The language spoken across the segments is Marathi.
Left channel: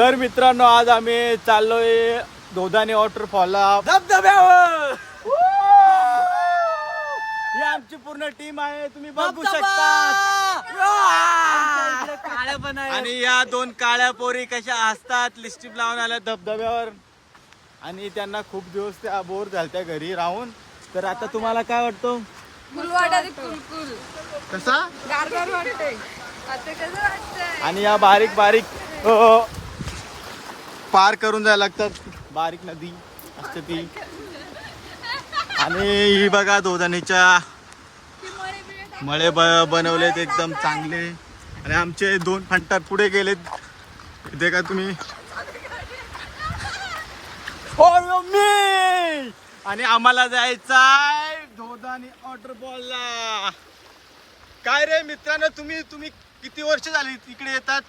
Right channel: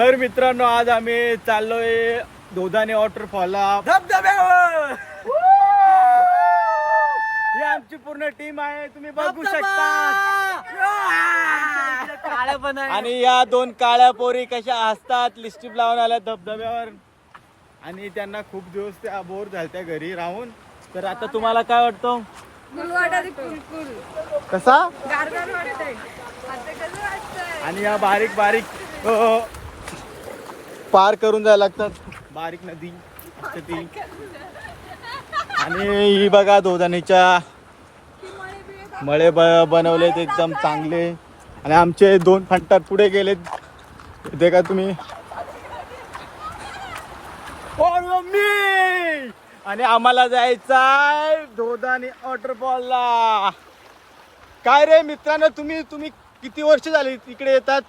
तर मित्रांनो आज आम्ही चाललोय दोधाने वॉटरफॉलला धबधब्यावर. ही आमची पूर्ण टीम आहे, तुम्ही बघू शकता. काळ्या पण आहे आणि या दोन काळ्या पोरी कशा हसतात, लिस्टिप लावून आल्या धबधब्यावर. आणि त्यांना खूप दिवस त्या बोर झालत्या घरी राहून. तर आता तुम्हाला काय वाटतं? कसा आणि या बारीक बारीक पार करून जायला लागतात, बारीक नदी असते ती. आणि ही बघा दोधानीच्या मळे बनवलेत एकदम चांगले. आणि आमचे दोन फंटात पुढे गेलेत, इथे का तुम्ही. आणि आम्हाला जायचंय दोधानी वॉटरफॉलला. काय रे मित्रांनो, तुम्ही किती वर्ष झाली इकडे येतात?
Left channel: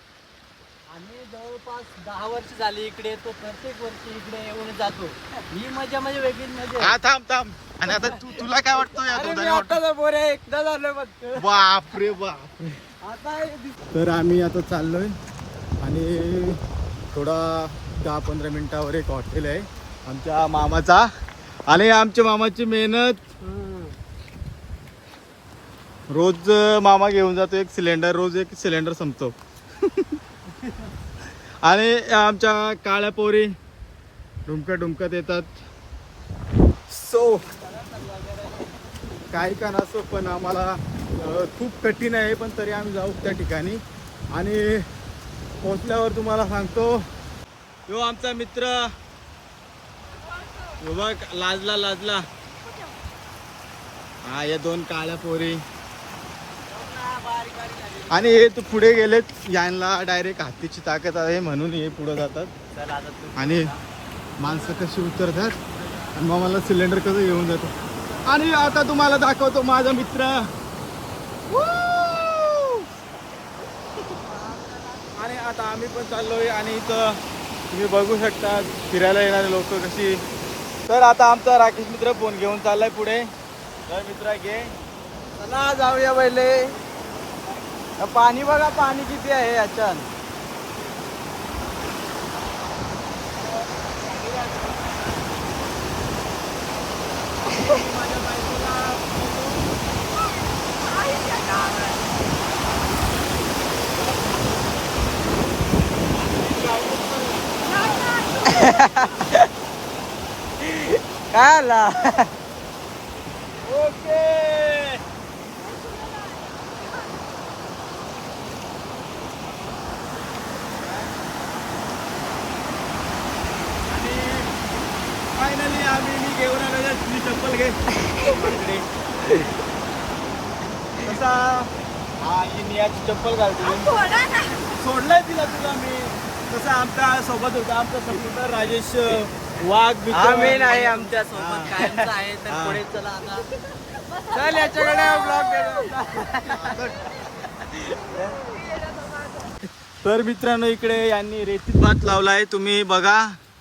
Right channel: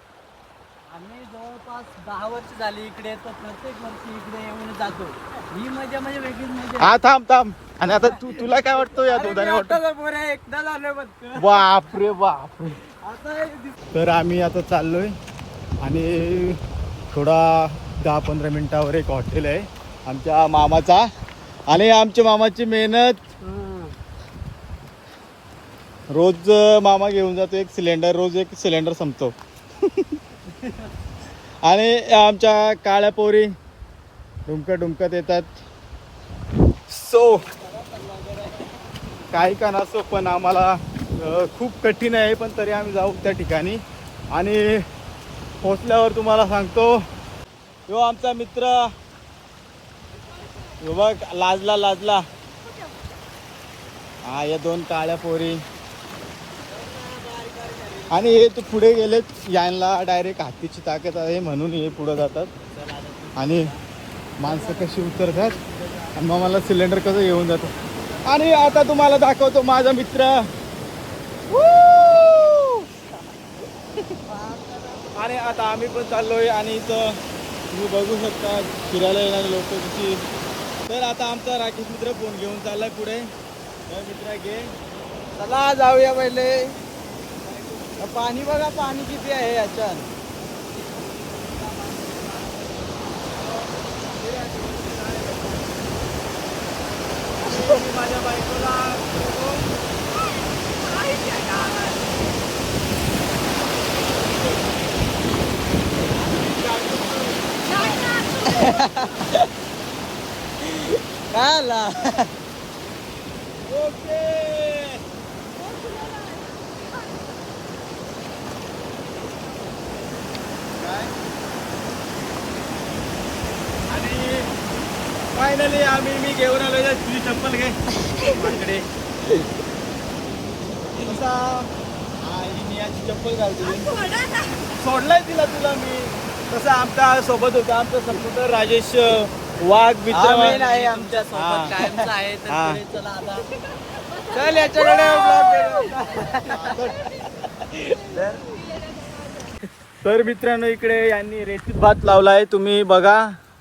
आम्ही जवळपास 10 वर्ष झाली इकडे येतो. प्रत्येक वर्षी इकडे येऊन जातो. ही मजा म्हणजे वेगळीच मजा. हा थांब. आणि आता तुला काय वाटतं या दोधानी वॉटर? एकदा झालं बापरे बापरे. तर आम्ही आता चाललोय आणि थोडा 10-15 मिनिटावर एक हॉटेल आहे आमच्या मामाचा. आणि आमच्या मामाची मेहनत, रोज मामा घेऊन जातो एक सिलेंडर, रोज एक सिलेंडर संपतो. आणि आमच्या काळ्या पोरी डुमकत येतात. सो काही का नसो, पण आम्हाला खूप कठीण आहे, पण तरी आम्ही जाऊ त्या ठिकाणी. आणि पोचल्यावर तुम्हाला सांगतो. यो आमचा मित्र, यो बघ लाजला. हा या दोन काळ्या पोरी. आणि हे तू पुढे गेलेत, यांना डायरेक्ट हातीची ताकद आहे म्हणून हे पुढे जातात. आणि माणसं कशी उतरतात आणि मग मला सिलेंडर कसं येऊन जातं. आणि आता तुम्हाला दाखवतो माझा मित्र. आणि आता आम्ही पण चाललोय. आणि इथं तुम्ही बघू शकता फिरायला येणारे लोक कशी. तर आता आमचा राकेश मित्र फोन घेऊन चाललाय पुढे. तर मित्र घे, चला जाऊया पहिले. पाणी बघा, पाणी किती आहे याच्यात. माझ्या बायकोला काय आला. ओके. फायनली मी घेऊन आलो. तुझी चप्पल घे माझ्याकडे. कसा हा ही नियाची चप्पल घालतो. सोडलाय तुला मी. तसा आमच्या सोबत होता आमचा समुद्र राजेश वाघ मित्र मेन आहे आमच्या सोबत कायमचा आहे. तर पुढे चला आता. चल याच्याकडे तर मित्रांनो इकडे यांनी रेतीत भात लावलाय, तुम्ही बघा.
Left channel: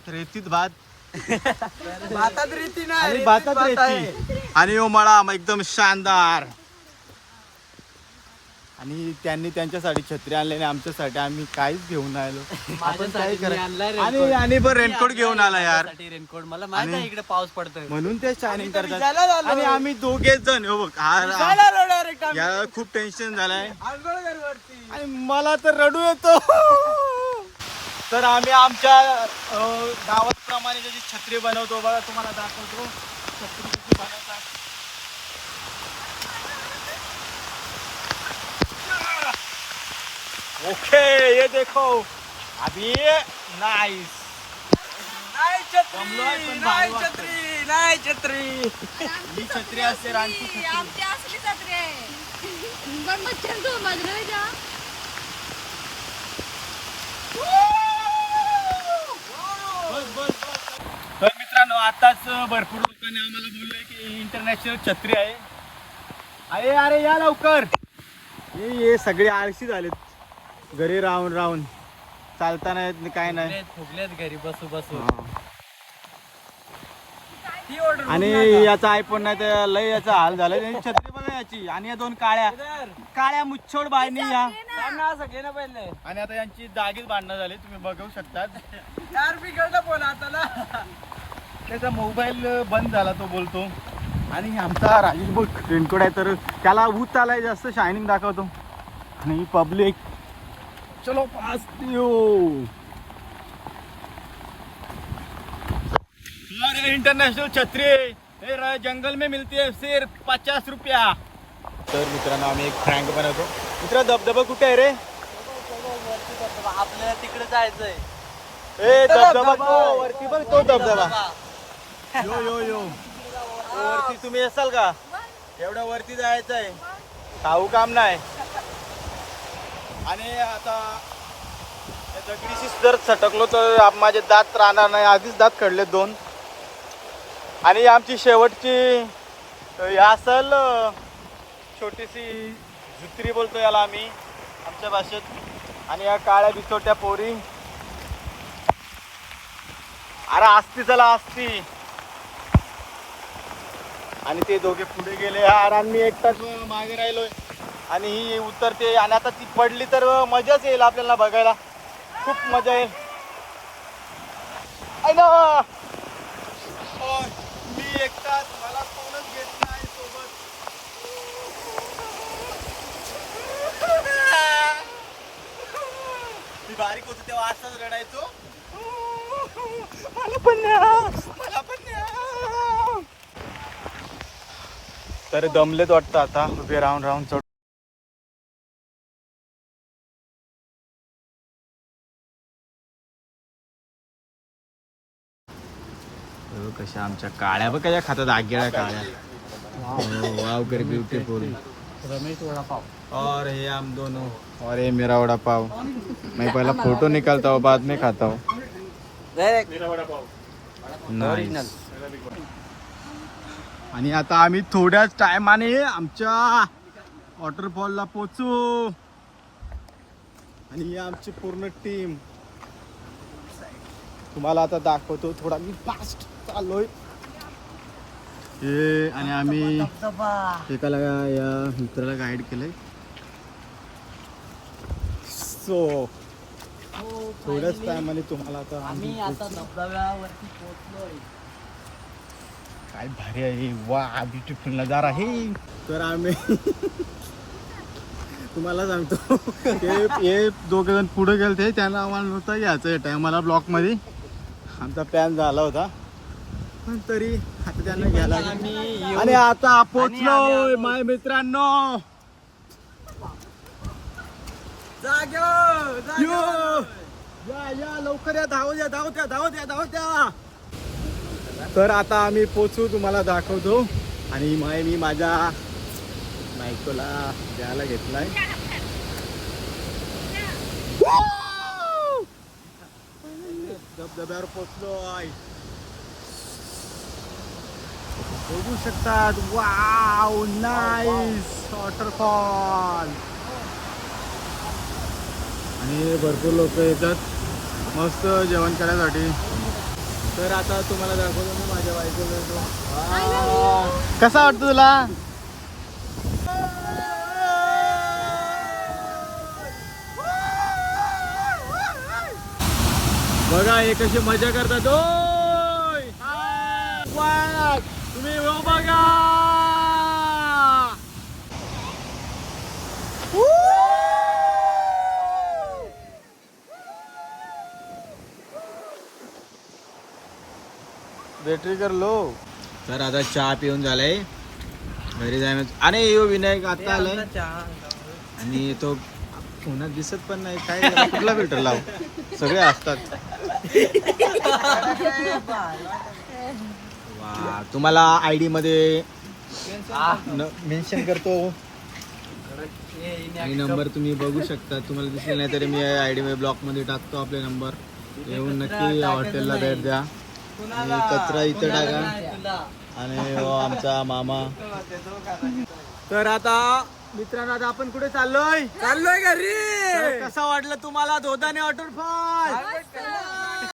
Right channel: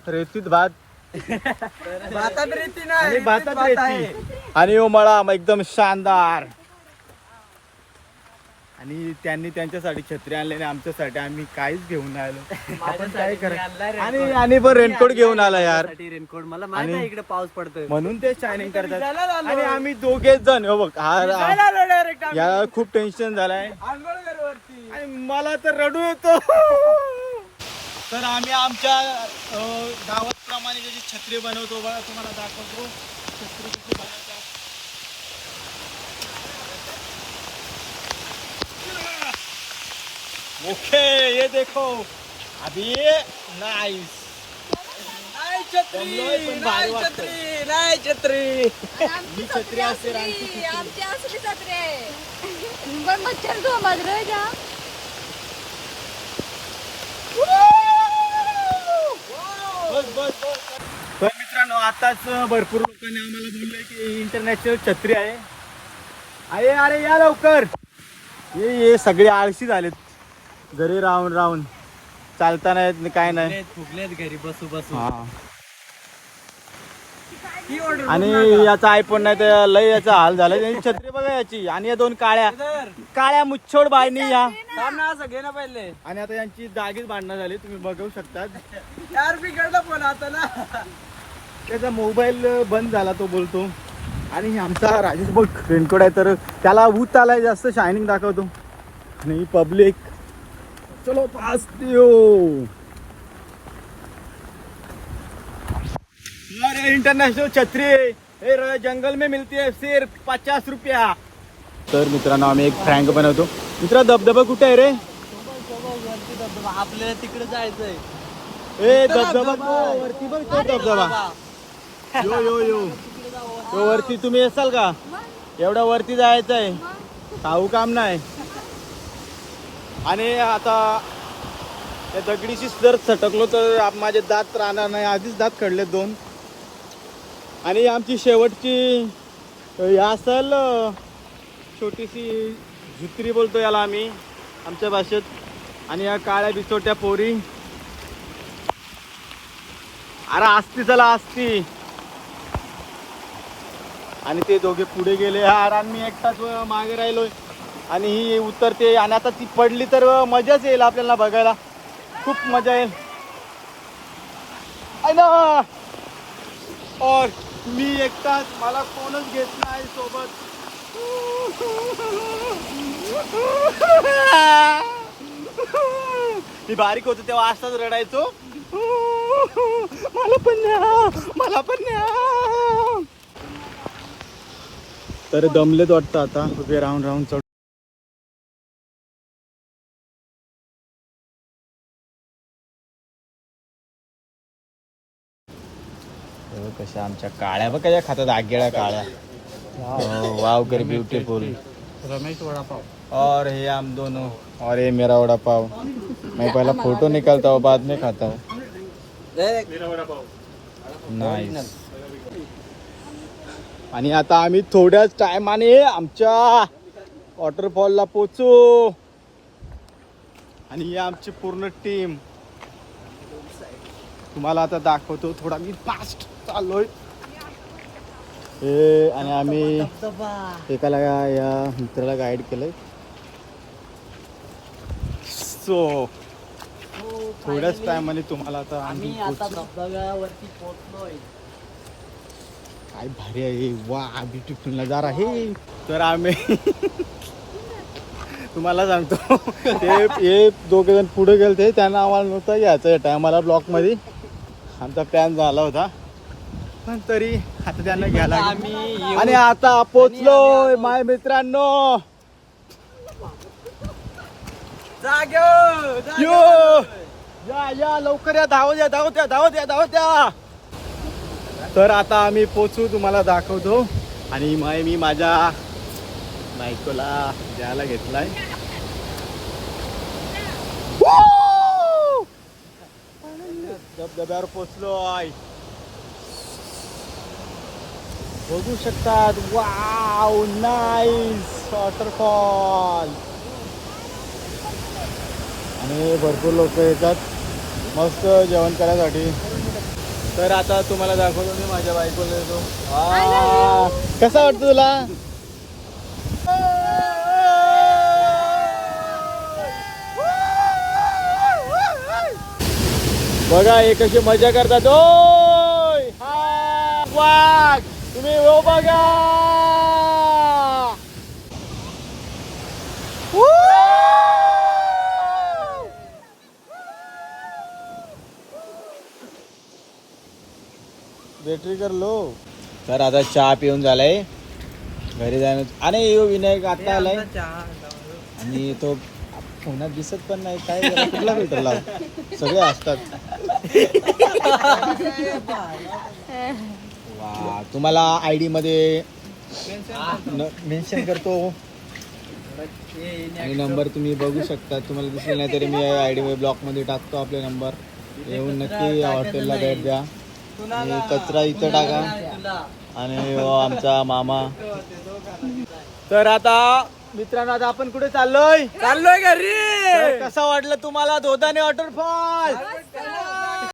रेतीत भात, भातात रेती नाही, आणि भातात रेती. आणि मळा एकदम शानदार. आणि त्यांनी त्यांच्यासाठी छत्री आणलेली, आमच्यासाठी आम्ही काहीच घेऊन आलो. आपण काय करायचं. आणि पण रेनकोट घेऊन आला यार. रेनकोट मला माहिती आहे इकडे पाऊस पडतोय म्हणून ते शायनिंग करतात. आणि आम्ही दोघेच जण हो बघ. याला खूप टेन्शन झालंय आणि मला तर रडू येतो. तर आम्ही आमच्या गावात प्रमाणे त्याची छत्री बनवतो बघा, तुम्हाला दाखवतो छत्री कशी बनवतात. ओके ये देखो अभी नाइस. नाही छत्री ही छत्री असते रानची छत्री. आमची असली छत्री आहे. पण मच्छर समज रे जा. बस. तर मित्रांनो आताच भरपूर लोकांनी आम्हाला बोलले की इंटरनॅशनल छत्री आहे. अरे या लवकर. हे सगळे आळशी झालेत, घरी राहून चालता नाही काय नाही. फुगलेत घरी बसू. आणि याचा आयफोन नाही तर लय याचा हाल झाला. छत्री बघा याची. आणि या दोन काळ्या काळ्या मुच्छोड बायनी या असं घे ना पहिले. आणि आता यांची जागीच भांडणं झाली, तुम्ही बघू शकता. यार बिघडला फोन आता ना. त्याचा मोबाईल बंद झाला, तो बोलतो. आणि आमचा राजेश बघ रेनकोट आहे, तर त्याला ऊत आलाय जास्त, शायनिंग दाखवतो. आणि पब्लिक चलो पास दियो. इंटरनॅशनल छत्री हे जंगल में मिलती है सिर्फ 50 रुपया. तर मित्रांनो आम्ही एक फ्रँक बनवतो. मित्रा धबधबा कुठे आहे रे? आपल्याला तिकडे जायचंय. ए धबधबा तो वरती बघ, तो धबधबा. यो यो यो तो वरती तुम्ही असाल का? एवढ्या वरती जायचं आहे, खाऊ काम नाही. आणि आता त्या दगडीशी जर सटकलो तर माझे दात राहणार नाही. आधीच दात खडले 2. आणि आमची शेवटची ही असल छोटीशी झुत्री बोलतो याला आम्ही आमच्या भाषेत. आणि या काळ्या बिचोट्या पोरी, अरे असती चला असती. आणि ते दोघे पुढे गेले यार, आणि मी एकटाच मागे राहिलोय. आणि ही उतरते, आणि आता ती पडली तर मजाच येईल आपल्याला बघायला, खूप मजा येईल. और मी एकटाच, मला कोणच घेत नाही सोबत. ती बारीक होती तेव्हा असाच रडायचो, मला पण न्या, मला पण न्या. तर दमलेत वाटतं आता, उभे राहून राहून चढ. कशा आमच्या काळ्या बघ कशा खातात, आगेळ्या काळ्या. वाव करी ब्यूटीफुल. रमेश वडापाव. और ये हम दोनों, और ये मेरा वड़ा पाव. मैं पहला फोटो निकालता हूँ, बाद में खाता हूँ. नाइस. आणि आता आम्ही थोड्याच टायमाने आमच्या वॉटरफॉलला पोचू. आणि ही आमची पूर्ण टीम तुम्हाला आता दाखवतो. थोडा मी फास्ट चाललोय. हे आणि आम्ही एकाला या मित्राला गाईड केलंय. सो थोड्याच टायमाने तुम्हाला आता आम्ही धबधब्यावरती पोहोचलोय. काय भारी आहे, वा ब्युटिफुल नजारा आहे. तर आम्ही तुम्हाला सांगतो, हे दोघे जण पुढे गेलते, त्यांना आम्हाला नव्हतं यायचं या टायमाला. ब्लॉकमध्ये आमचा प्लॅन झाला होता, पण तरी आता त्यांना घ्यायला. आणि आता पोचलोय माय मित्रांनो. यो या या लवकर या, धावत या धावत या धावत या धावत या. तर आता आम्ही पोचू, तुम्हाला दाखवतो. आणि मी माझ्या बायकोला द्यायला घेतलाय. धबधब्यावर पोचलो आहे, बघू शकतात. Wow nice waterfall. आणि भरपूर लोक येतात मस्त जेवण करायसाठी. तर आता तुम्हाला दाखवतो मी माझ्या बायकोला येतो. कसा वाटतं तुला? बघा हे कशी मजा करतात. ओय वाघ तुम्ही हो बघा. बॅटरी कर लो. तर आता चहा पिऊन झालाय, घरी जाय. आणि यो विनायक आता आलाय, आणि तो फोनात दिसत पण नाही. काय कुठला फिल्टर लाव, सगळे असतात. वा तुम्हाला आयडी मध्ये मेन्शन करतो, आणि नंबर तुम्ही बघू शकता. तुम्हाला दिसले नाही तरी मी आयडी मध्ये ब्लॉक मध्ये टाकतो आपले नंबर. येऊन नक्की हॉटेलला भेट द्या. आणि कचरा इथे टाका. आणि आमचा मामा. तर आता मित्रांनो आता आपण कुठे चाललोय घरी. कसा वाटलं तुम्हाला धोदाने वॉटरफॉल?